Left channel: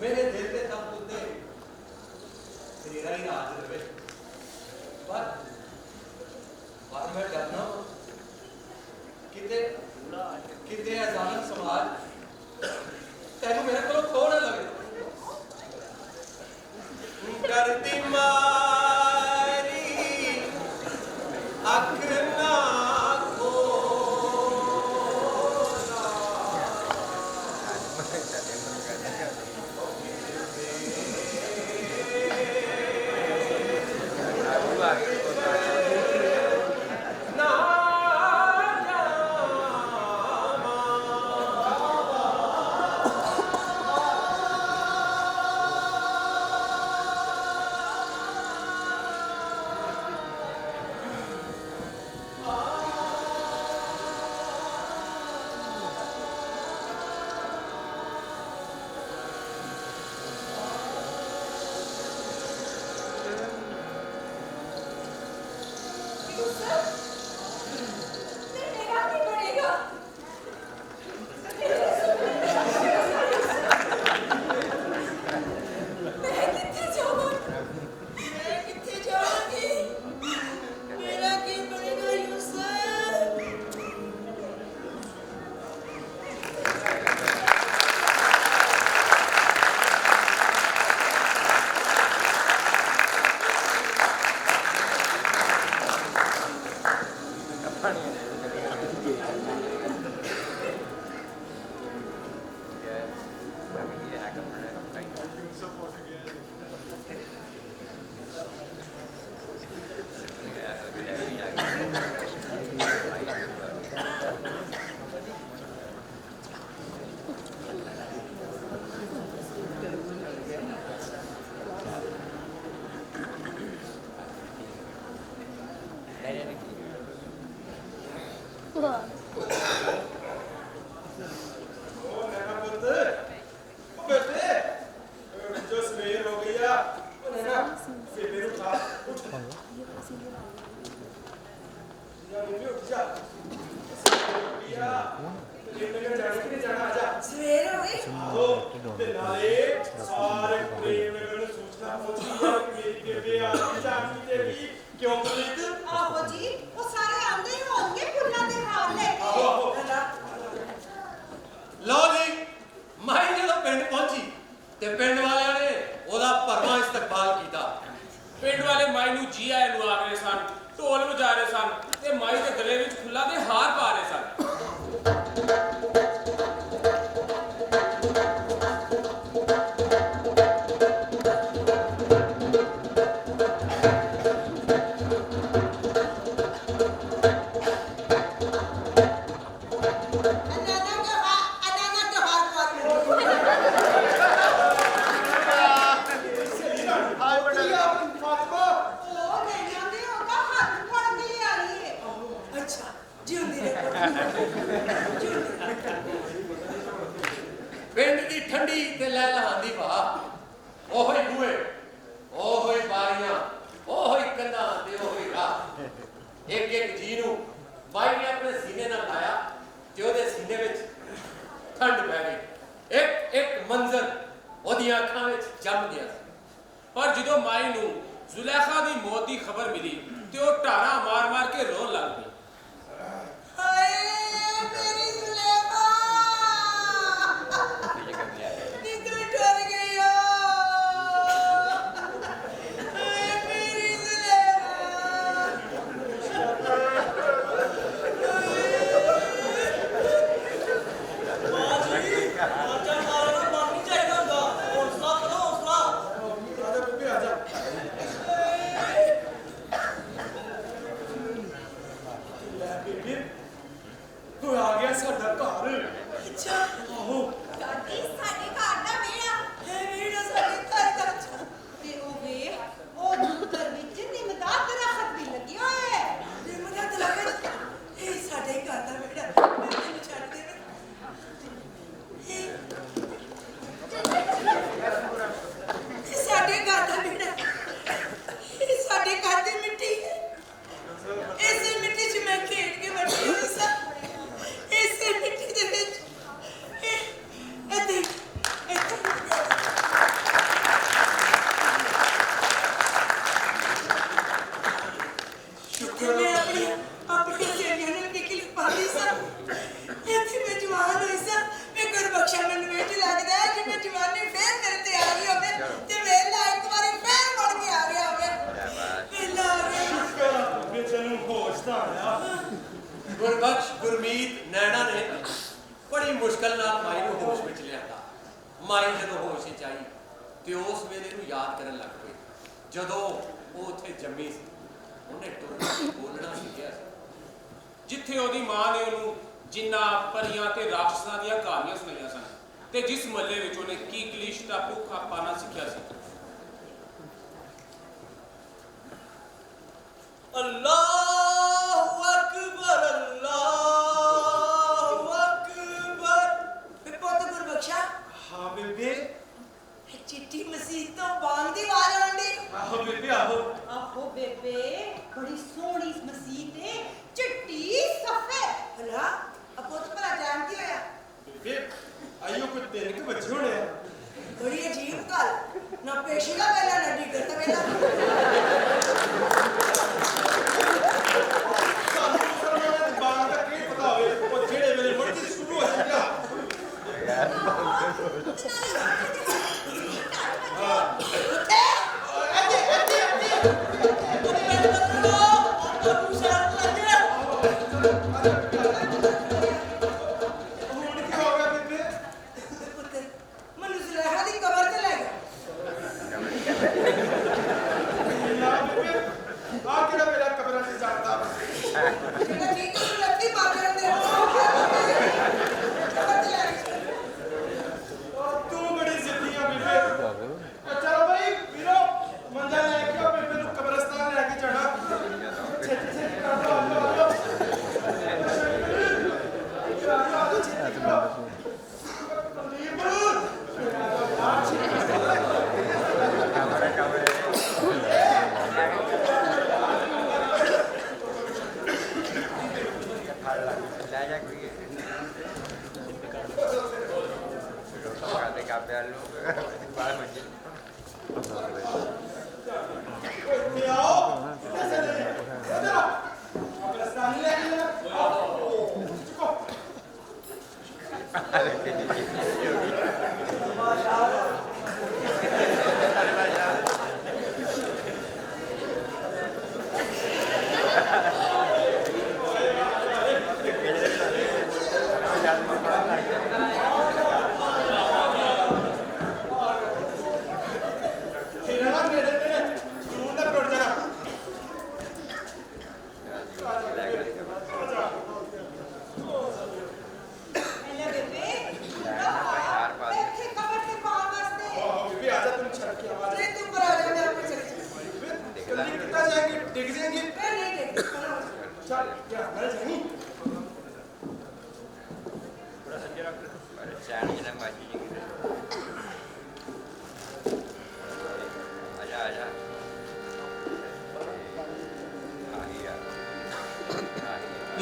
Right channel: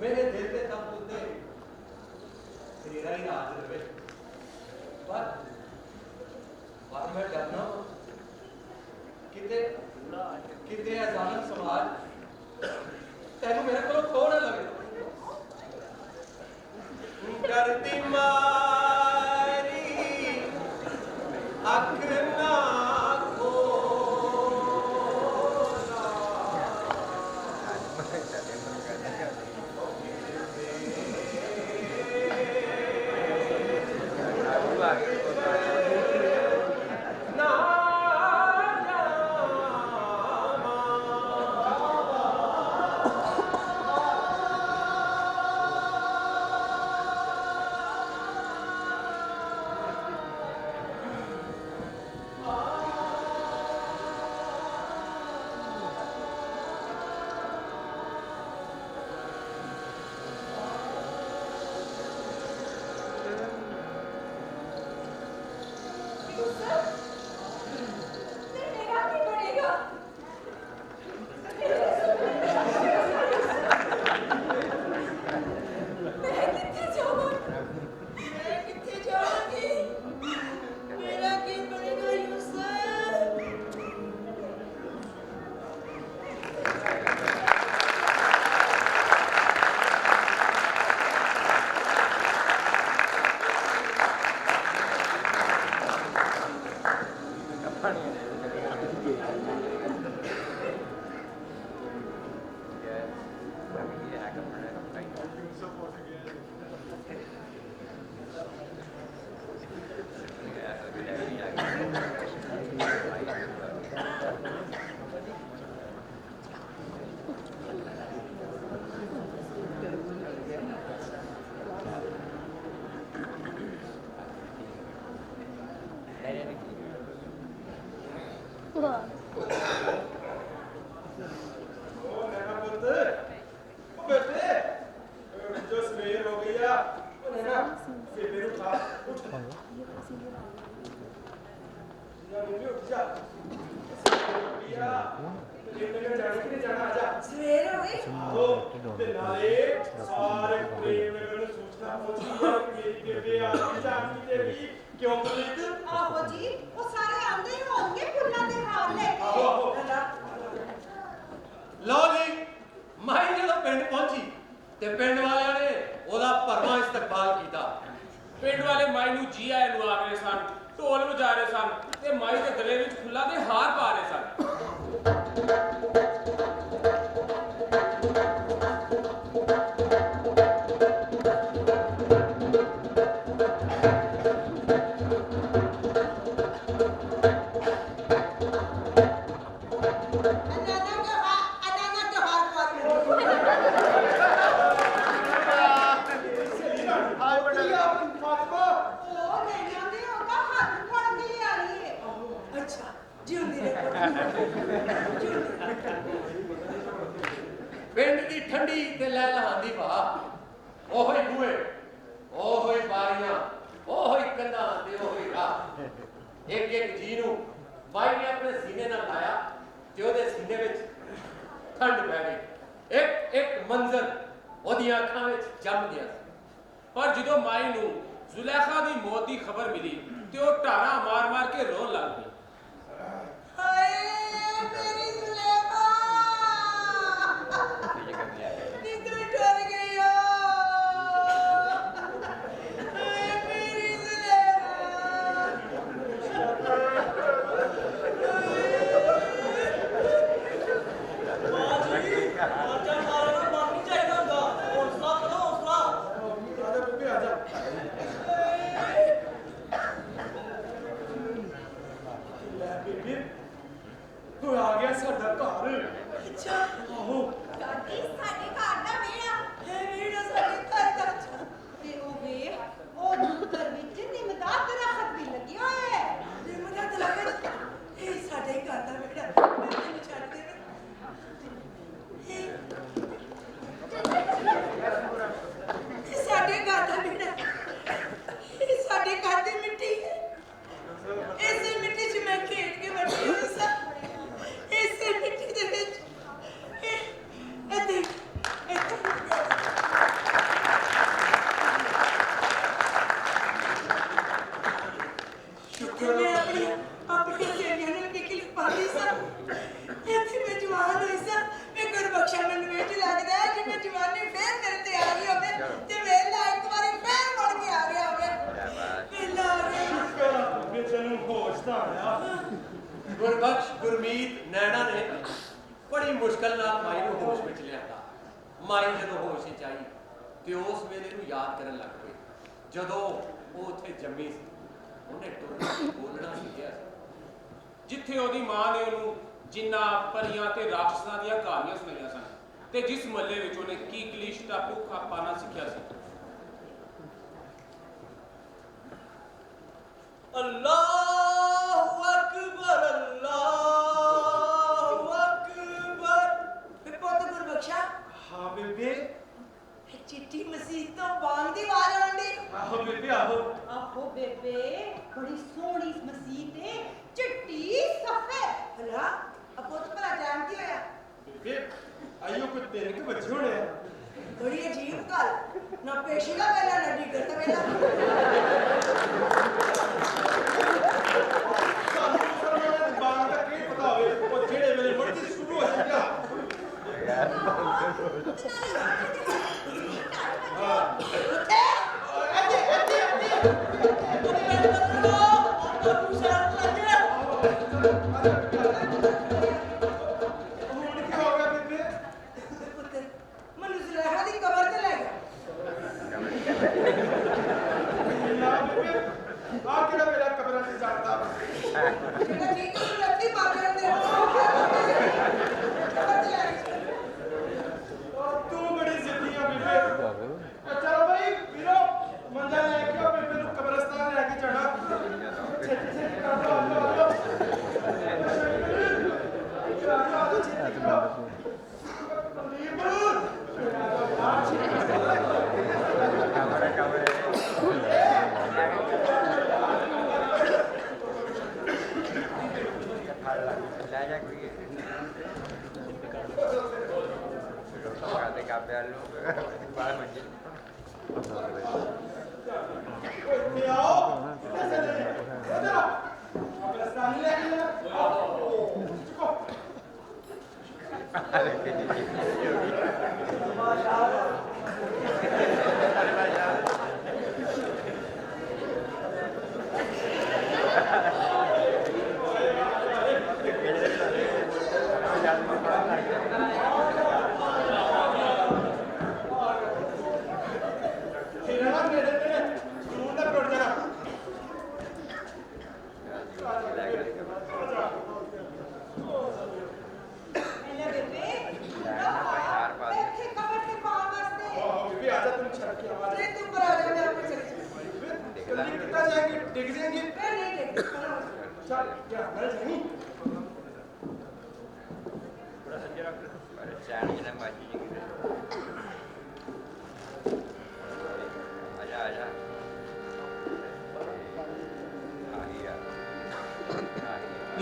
मेरे दिल के तख्त उत्ते तेरा ही राज रहे। पर मैं डरना किते किते अचानक समाज तेनू मेरे को थोड़ा लगे डरती मारी अखना मुश्किल नाल माई नूं होश विच लिआंदा। माई जदों होश विच आई ते उस वेले नूं याद करन लग पई जदों वो उत्थे जम्मी सी। ਉਹਨੇ ਬੋਲਣਾ ਸਿੱਖਿਆ ਸੀ ਜਿੱਥੇ ਉਹਦੀ ਮਾਂ ਨੇ ਉਹਨੂੰ ਜਿੰਨਾ ਪਰੀਆਂ ਤੇ ਰਾਖਸ਼ਾਂ ਦੀਆਂ ਕਹਾਣੀਆਂ ਸੁਣਾਈਆਂ ਸਨ ਤੇ ਜਿਸ ਮੱਲੇ ਵਿੱਚ ਉਹਨੇ ਕੀ ਕਲੀਸ਼ ਦਾ ਭੁੱਖਾ ਪਾਣਾ ਸਿੱਖਿਆ ਸੀ। ਅੱਲਾਹੁ ਅਕਬਰ ਅੱਲਾਹੁ ਅਕਬਰ। ਪੁੱਤ ਗੁਰਬਖਸ਼ਾ। ਹਾਂ ਬੇਬੇ। चिट्ठी मसीह तो बांग दी आवाज आंदी। आहो बेबे आहो। आहो बेबे बड़ी सोहनी मसीह ते चिट्टी सफेद। भला अब तो भला जानती होया बेबे आइयो कोई 3 बजे होने बड़ी अजीब गल ना पेशी का वेला ना डिगर दा वेला। ਸਾਨੂੰ ਸਰਮਾਂ ਬਾਗ ਦਾ ਕੀ ਪਤਾ ਹੋਵੇ ਉਹ ਜਿਹੜੇ ਵੇਲੇ ਮੁੜਦੀ ਸ਼ੁਰੂ ਹੋ ਜਾਂਦਾ।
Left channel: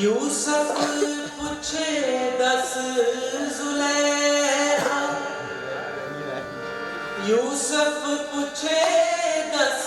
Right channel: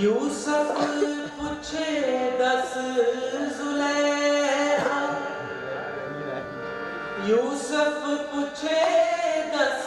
यूसुफ पूछे 10 जुलेखा। यूसुफ पूछे 10